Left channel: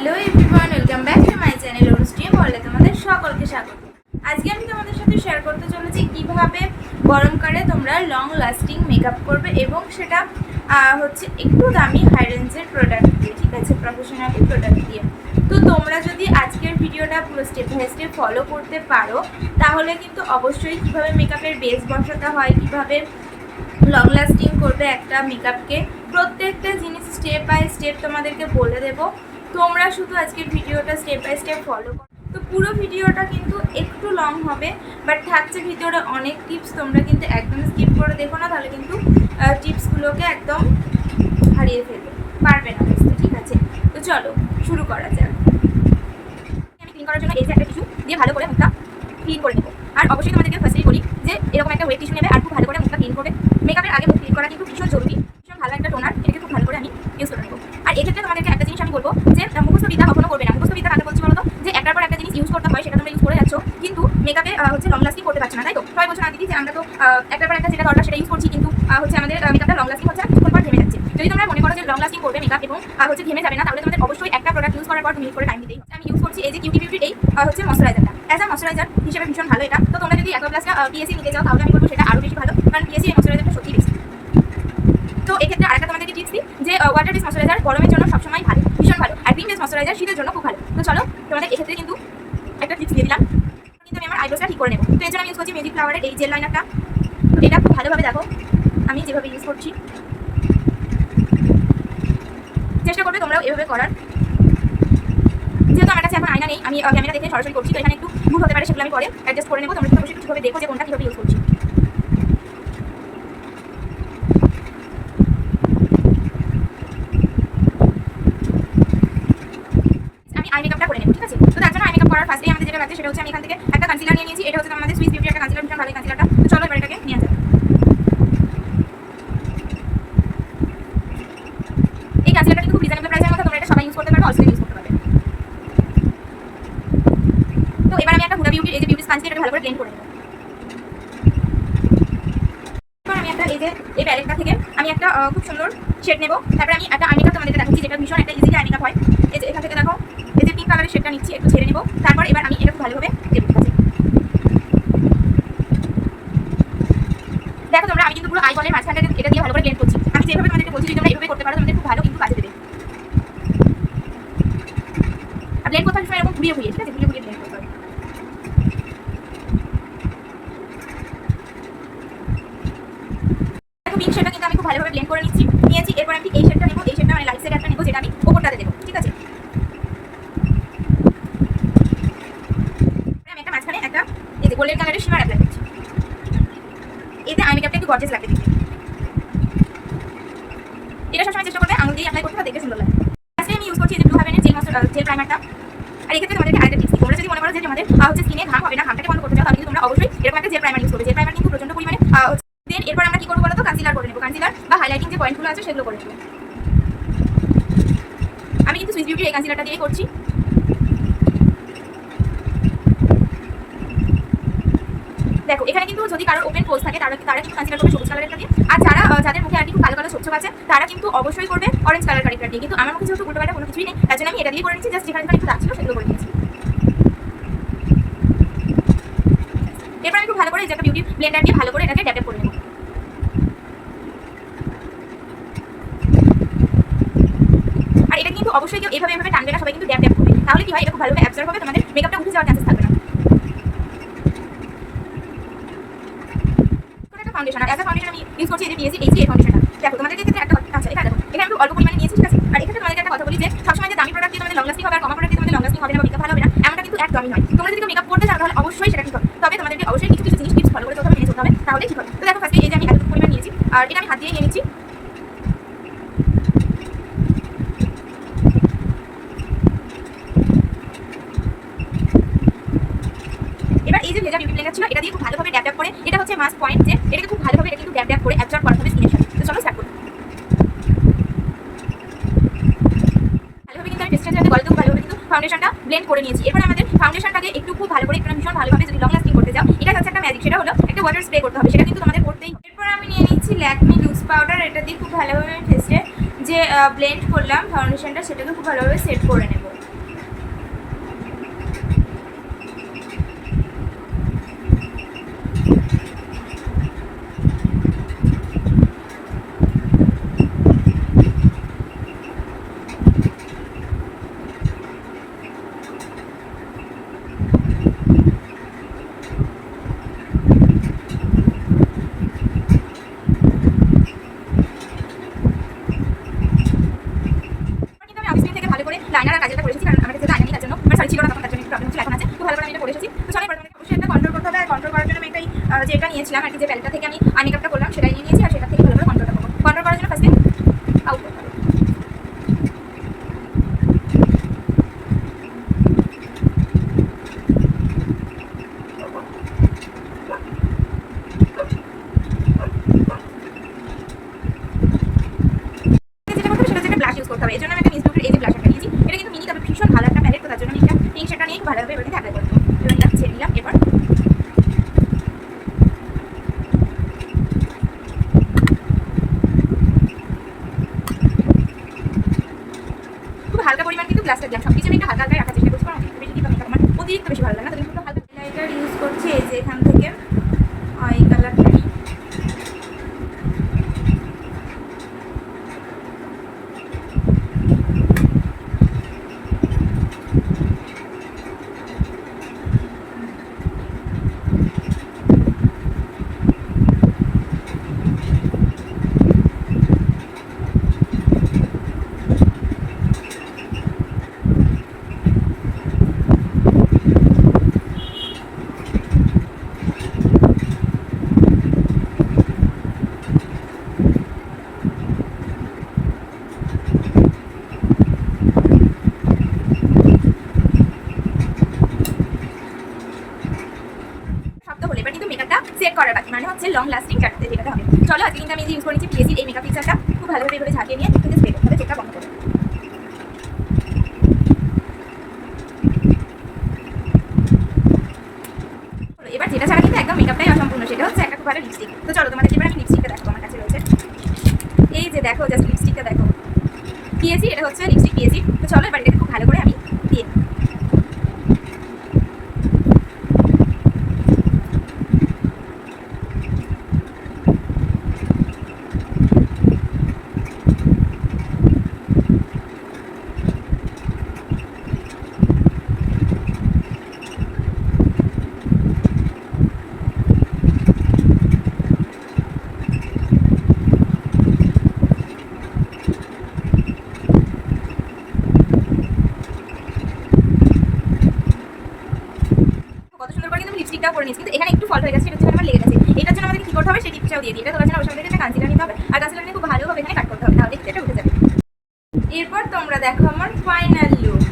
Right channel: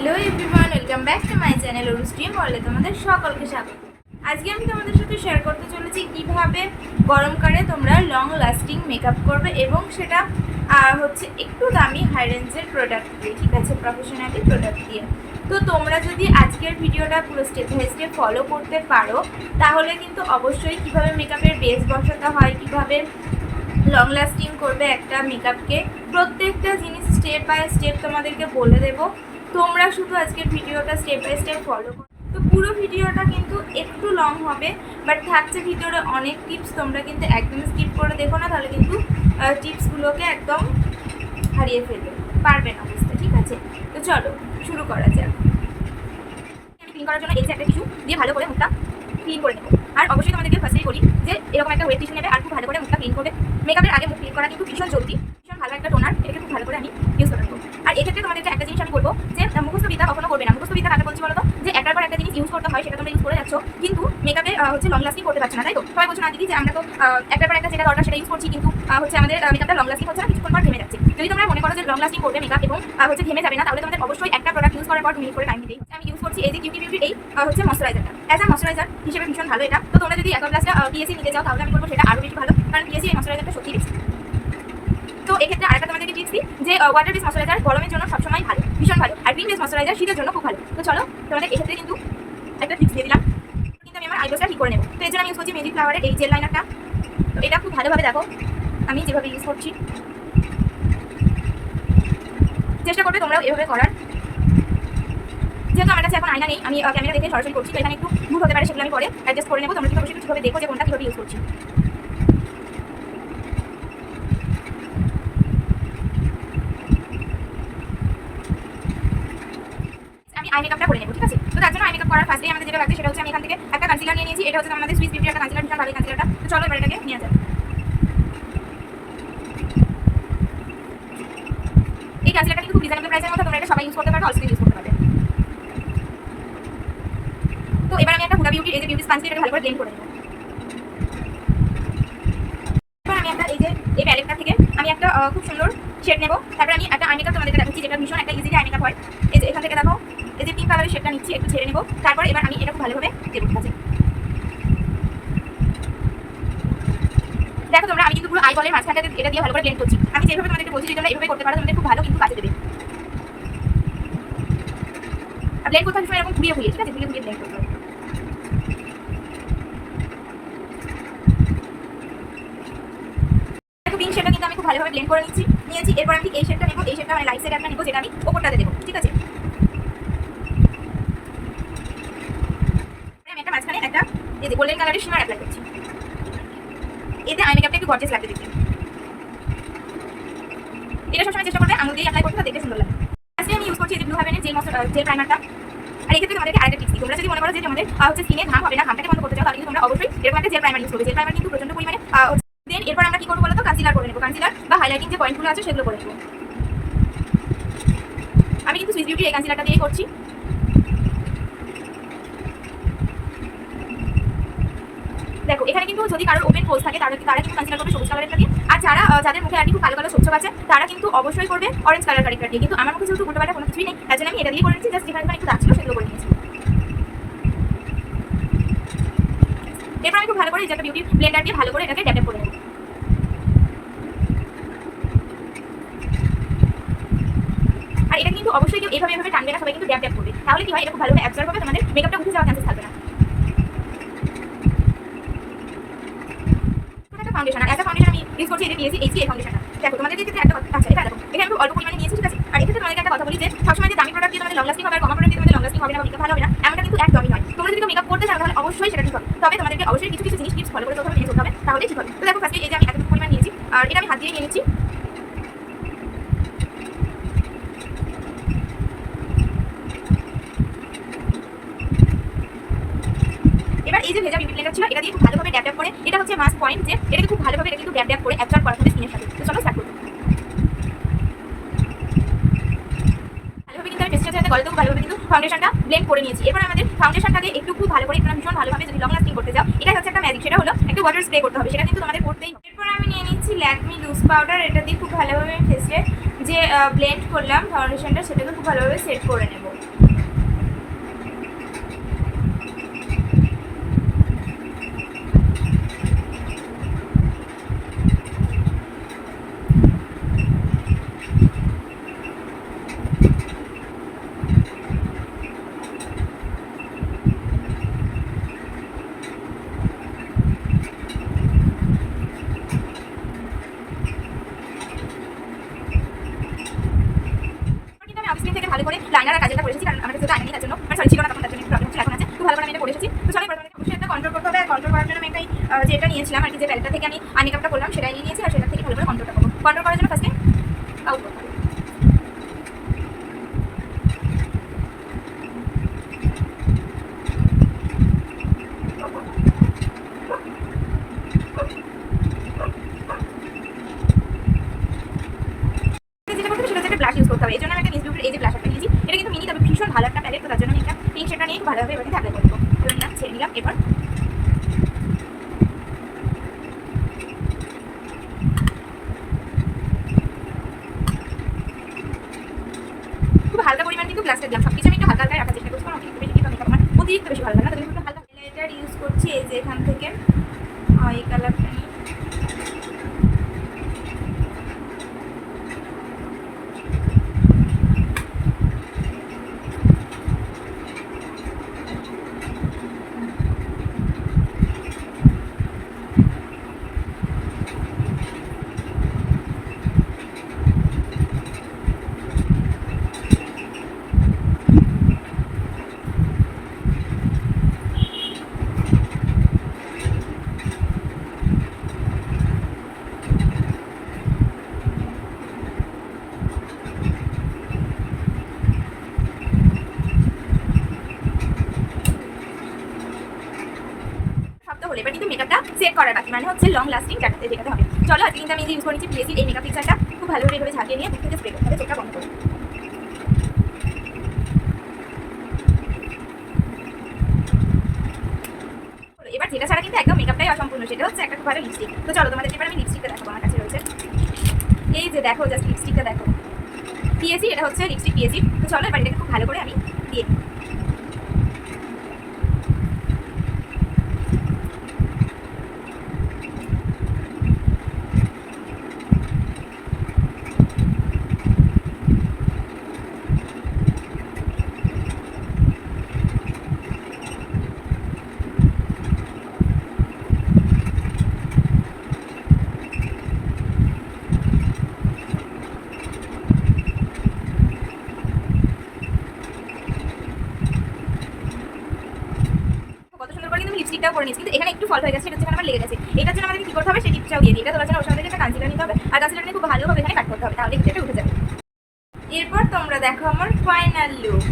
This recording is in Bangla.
Hello everyone, welcome back to my channel অনুষ্টিম বলে তোমাদের সকলকে স্বাগত। আজকে আমি তোমাদের সাথে শেয়ার করতে চলেছি কীভাবে গরমকালে তোমরা লং লাস্টিং মেকআপ করবে এবং সেটা হচ্ছে একটু দামি হাই রেঞ্জের প্রোডাক্ট দিয়ে, ঠিক আছে? প্রফেশনালি প্রোডাক্ট দিয়ে। তো তোমরা যদি আজকের ভিডিওটা পুরো স্টেপ বাই স্টেপ ফলো করতে পারো, তাহলে কিন্তু অবশ্যই কীভাবে মেকআপের বেস বসাতে হয়, কীভাবে লং লাস্টিং করবে একটা মেকআপকে প্রত্যেকটা জিনিস স্টেপ বাই স্টেপ তোমাদেরকে বলে দেবো। তোমরা শুধু আজকের ভিডিওটা স্টেপ বাই স্টেপ ফলো করো। তো পুরো ভিডিওটা কিন্তু একটু লং হবে বাট থাকছে ভিডিওটা অনেক টিপস তোমরা কিন্তু একদম স্কিপ করে দেখো না, তাহলে কিন্তু টিপসগুলোকে একদম হারিয়ে ফেলবে। পারবে না বুঝতে ঠিক আছে? তো চলো, শুরু করা যাক। আমি ক্লিন করার জন্য এই যে একটা টিস্যু দিয়ে ভালো করে মুখটা ক্লিন করে নেব। আর অবশ্যই তোমাদেরকে ফার্স্টেই বলি যে এরকম একটা ওয়েট টিস্যু নেবে আর খুব ভালো করে মুখটা ক্লিন করবে। মেকআপের আগে মুখ ক্লিন করা কিন্তু ভীষণ জরুরি, ভীষণ ভালো একটা টোনার এটাকে খুব ভালো করে আমি ইউজ করে নেব। এক্ষেত্রে তোমাদেরকে একটা জিনিস আমি বলব যে মুখস্থ বিদ্যা কখনো করবে না। মুখস্থ বিদ্যা কাকে বলছি বলো যে, একটার পর একটা জিনিস ইউজ করতে হয়, সেটা তোমরা ইউজ করে যাচ্ছ। কিন্তু মেকআপে হচ্ছে লং লাস্টিং করতে পারছ না, তাই তো? সবাই বলছো না দিদি, যে আমরা তো একটার পর একটা যেটা দরকার সেটা ইউজ করছি, কিন্তু হচ্ছে আমাদের মেকআপটা লং লাস্টিং হচ্ছে না, কিছুক্ষণ পর থেমে যাচ্ছে। যদি তোমরা মনে করো যে লং লাস্টিং করবে মেকআপ এবং হচ্ছে থেমে যাবে না, তাহলে তোমাদের অবশ্যই একটা প্রোডাক্ট ইউজ করার পর তুমি করে টাইম দিতেই আমি ইউজ করছি এই যে কিউটি বিউটির এই হচ্ছে ময়শ্চারাইজারটা অ্যাজ আ ময়শ্চারাইজার হিসেবে ভীষণ ভালো এটা। তো তোমরা যদি একবার প্লাসটা পিএসসি নিতে চাও, তাহলে আমি বলব সেটা আরও বেশি ভালো। কারণ পিএসসি এই ময়শ্চারাইজারটা সত্যি বেশি তো এক্ষেত্রে আরেকটা তোমাদেরকে টিপস দিই যে ওয়াটার বেস ময়শ্চারাইজার গরমের জন্য সবসময় ভালো, ভীষণ ভালো, আর ক্রিম বেস ময়শ্চারাইজার শীতের জন্য খুব ভালো। তো চলো, তোমাদের এক্ষেত্রে কিন্তু একটা টিপস দিয়ে দিলাম। কিন্তু আমি আমার আইব্রোটা ঠিক করে নেব। তো এর জন্য আমি ইউজ করছি মেজিক ফ্লাওয়ারের এই জেল লাইনারটা তো এটা খুব ভালোভাবে দেখো, আমি যেভাবে ইউজ করছি। চেষ্টা করবে তোমরাও এভাবে করার। যেহেতু আমার কাছে এখন আয়না নেই, আমি ক্যামেরা দেখে সরাসরি করছি, তো এখানে একটু ভুল হতে পারে, সেগুলো আমি পরে অ্যাডজাস্ট করে নেব। তোমরা কিন্তু অবশ্যই একটু ঠিকভাবে দেখো যে কোনটা কীভাবে ইউজ করছি আমি আই মেকআপটা করে নেব, ঠিক আছে? তো তার জন্য আই মেকআপ করার ফার্স্টেই আমাদের যেটা লাগছে সেটা হচ্ছে আমি এখান থেকে একটা কনসিলার নিয়ে নিয়েছি, এটা হচ্ছে আমাদের সুইস বিউটি একটা কনসিলার ভীষণ ভালো কনসিলারটা তো চলো এবার এটাকে নিয়ে যাবে এই কনসিলারটা কিন্তু খুব রিজনেবল প্রাইসের মধ্যে তোমরা এটা সবাই ইউজ করতে পারবে অলসো ইউজ করতে পারবে। তো এবার আমি একটা হুডা বিউটি এই যে বিউটি স্পঞ্জ এটা ভালো করে ব্লেন্ড করে নেব। এবার আমি একটা এই যে, এই প্যালেটটা থেকে আমি একটা খুব সুন্দর শেড নেব। তারপরে আমি একটা আই মেকআপ তোমাদেরকে দেখাচ্ছি, যেটা ভীষণ একটা ইজি আই মেকআপ হয়। এই যে এখান থেকে দেখো, এই যে পিঙ্ক কালারের শেডটা নিচ্ছি, একটু ছেড়ে নেব। তারপর এবার আমি এটা খুব ভালোভাবে দেবো দেখো তোমরা, আমি কিন্তু পুরো আই বলের মাঝখানটাতে এটা দিয়ে ভালো করে ব্লেন্ড করছি। আমি যেভাবে তোমাদেরকে বলছি, যদি তোমরা এইভাবে করতে পারো, তোমাদের খুব ভালো কিন্তু কাজে দেবে। ব্লেন্ড করতে হবে এরকম ঘুরিয়ে ঘুরিয়ে, ঠিক আছে? ঘুরিয়ে ঘুরিয়ে ব্লেন্ড করতে হবে দেখো পিঙ্ক শেডটা কিন্তু আমি খুব ভালোভাবে ব্লেন্ড করে নিচ্ছি, নিয়েছি। এরপর আমি এই শেডটা নেব, এই শেডটা মানে লাইট শেড একটা নেব, যেটা আমি ওপরটাতে দেবো, ঠিক আছে? আমি একটা মাঝখানে একটা, এই যে গোল্ডেন কালারের শিমার অ্যাপ্লাই করছি। এতে আই মেকআপটা একটু গর্জেস লাগবে দেখতে। এটা সবসময় চেষ্টা করবে আঙুল দিয়ে অ্যাপ্লাই করতে দেখতে সুন্দর লাগে আজকে আমি ইউজ করছি এই যে ব্লু হাভেনের জেল মশলা জেল প্রাইমারটা আর এক্ষেত্রে তোমাদেরকে আরেকটা টিপস তোমরা যদি মনে করো যে তোমাদের হচ্ছে স্কিনে ঘাম হবে না, ঘামটাকে বন্ধ করতে চাও, তাহলে তোমরা অবশ্যই এরকম একটা জেল প্রাইমার ইউজ করবে। জেল প্রাইমার কিন্তু প্রচণ্ড পরিমাণে দেন। এরপর আমরা কি করব বলো তো কনসিলার করে নেব। কনসিলার বা হাইলাইটিং যে পয়েন্টগুলো আছে সেগুলো করে নেব। আমি কিন্তু সুইস বিউটি এই কনসিলারটা দিয়ে করছি। দেখো, এখানে কিন্তু যদি কারোর ওপেন পোজ থাকে, তারা তারা কিন্তু কনসিডার করবে সবুজ কালারের দিয়ে। আর যারা যাদের মুখে আর কি কালো কালো ছোপ আছে, তারা কিন্তু অবশ্যই করবে অরেঞ্জ কালার কারেক্টার দিয়ে। কিন্তু আমার মুখে যেহেতু উল্টোপাল্টা কোনো কিছুই নেই, তার জন্য আমি এটা দিয়ে করে নিচ্ছি। জাস্ট যেখানে একটু দাগ সেগুলো করে নিয়েছি। এরপর আমি খুব ভালো করে এই একটা বিউটি ব্লেন্ডার দিয়ে ভালো করে এটাকে ড্যাপ করে নেব আর এটা কিন্তু অবশ্যই কেউ এভাবে এভাবে টানবে না, সবাই কিন্তু ড্যাপ ড্যাপ করবে। তাহলে কি হয়, এটা খুব ভালোভাবে অ্যাবজর্ব হবে, তোমাদের মেকআপটা উঠে যাওয়ার চান্সেস থাকবে না। আর আমি ইউজ দেখো তোমাদের একটা এটা আমি অল্প নিয়েছি একটা কথা বলি যে, সবসময় দামি দিয়ে হবে ভালো হবে না কিন্তু একদমই নয়। মেকআপ করতে অবশ্যই সেটা ঠিক হবে। তবে তোমাদেরকে অবশ্যই কিছু কিছু জিনিস করে হবে তাহলে হবে দেখো এই যে আমি পরিমাণ নিয়েছি, আর এটা আমি হাত দিয়ে নিয়ে নিচ্ছি এবার ব্লেন্ডার ছিল এটা দিয়ে খুব ভালোভাবে ড্যাপ ড্যাপ করে, এটা হচ্ছে মাস্ক পয়েন্ট যে, এটাকে খুব ভালোভাবে এটা কিন্তু ড্যাপ ড্যাপ করে অ্যাবজর্ব করা হবে স্কিনের সাথে তো চলো স্টার্ট করি। ভালোভাবে কিন্তু আমি টেস্টের খুব ভালোভাবে কিন্তু ফাউন্ডেশনটা ব্লেন্ড করে নিয়েছি। এবার আমাদের ফাউন্ডেশনটাকে একটু খুব ভালো করে একটু ভীষণ ভালোভাবে যদি লং লাস্টিং করতে যাও এটা হচ্ছে একটা ম্যাজিক সেটা হলো একটা ওয়াটার স্প্রে করতে হবে, সেটা কিন্তু তোমাদের করতেই এরপর আমি নিয়ে নিচ্ছি ল্যাকমি লুজ পাউডার এটা দিয়ে খুব ভালোভাবে ফেসে যে ব্লেন্ড করলাম ফাউন্ডেশনটা সেটাকে খুব ভালোভাবে সেট করে নেব। করে লাইনার আর এসেছি কারণ আমার কাছে আইনা নেই জন্য মানে সরি ছিল না তখন তার জন্য প্রবলেম ছিল এখন আছে। তো ভালো করে আমি এটা এসেছি তো চলো এবার অবশ্যই একটা কন্ট্রোল করতে হবে কন্ট্রোল করার জন্য আমি একটাই আহ, যে এটা নিয়েছিলাম আর কি যে প্যালেটটা থেকে আমি আই মেকআপটা করলাম সেটাই নিয়ে নিয়েছি আর সেটা থেকে ভালো করে কন্ট্রোলটা করব। কন্ট্রোল করার জন্য ফার্স্টে আউট যেটা হচ্ছে একটা ব্লাশ ইউজ করতে হবে। এই জন্য আমি একটা মিস এই যে ব্লাশারটা নিয়েছি এটা কিন্তু মিনি তবে ভীষণ ভালো একটা প্যালেট তো তার জন্য আমি একটা একটু ভালোভাবে এবার অ্যাপ্লাই করব এবার নিলাম ছেড়ে নিলাম, এবার খুব হালকা পরিমাণ কিন্তু গ্লাসটা দিলাম। সব কিছু আমি একটু হালকা হালকা রাখার চেষ্টা করছি, কারণ অতিরিক্ত বেশি দিতে আমার অতিরিক্ত বেশি ভালো লাগে না, তাদের একটু হালকা হাইলাইটার ইউজ করছি এই যে এখান থেকে। এই কালারটা নিই শব্দ হলে এবার কিন্তু মেকআপটা সেট করার বাকি মানে হচ্ছে লং লাস্টিং চাটাতে যেটা হবে। চলো আজকে কিন্তু আমি ইউজ করেছি পিএসির এই মেকআপ ফিক্সারটা খুব ভালোভাবে এভাবে ঝাঁকিয়ে নিয়ে কিন্তু স্প্রে করতে হবে, চোখটা বন্ধ করে। এবার যেটা ছাড়া কিন্তু একদম মেকআপটাই অসম্পূর্ণ, সেটা হচ্ছে একটা খুব ভালো লিপস্টিক তো চলো তোমাদের এবার আমি লিপস্টিকটা দেখো আমার কাছে রয়েছে। এই যে দেখো জাস্ট লিপস্টিকটা দেখো। পিএসি এটা হচ্ছে লিপস্টিক পিএসি তো চলো, এবার এটাকে খুব ভালো করে আমি দিয়ে নিই। কত সুন্দর করে কিন্তু আমি লিপস্টিকটাও করে নিয়েছি কিন্তু এখানে একটু ফল হয়ে গেছে এটা হচ্ছে আমার লেগে গেছে। এটার জন্য আমাদেরকে কি করতে হবে? সেই টিপসটাও দিয়ে দিই। এটা তোলার জন্য আমাদেরকে একটা কাঞ্চিলা নিতে হবে। আর কাঞ্চিলা নিয়ে খুব ভালোভাবে এখানে কাট করতে হবে তাহলে এটা উঠে যাবে। এরপর তোমরা দেখো আমার ফাইনাল লুক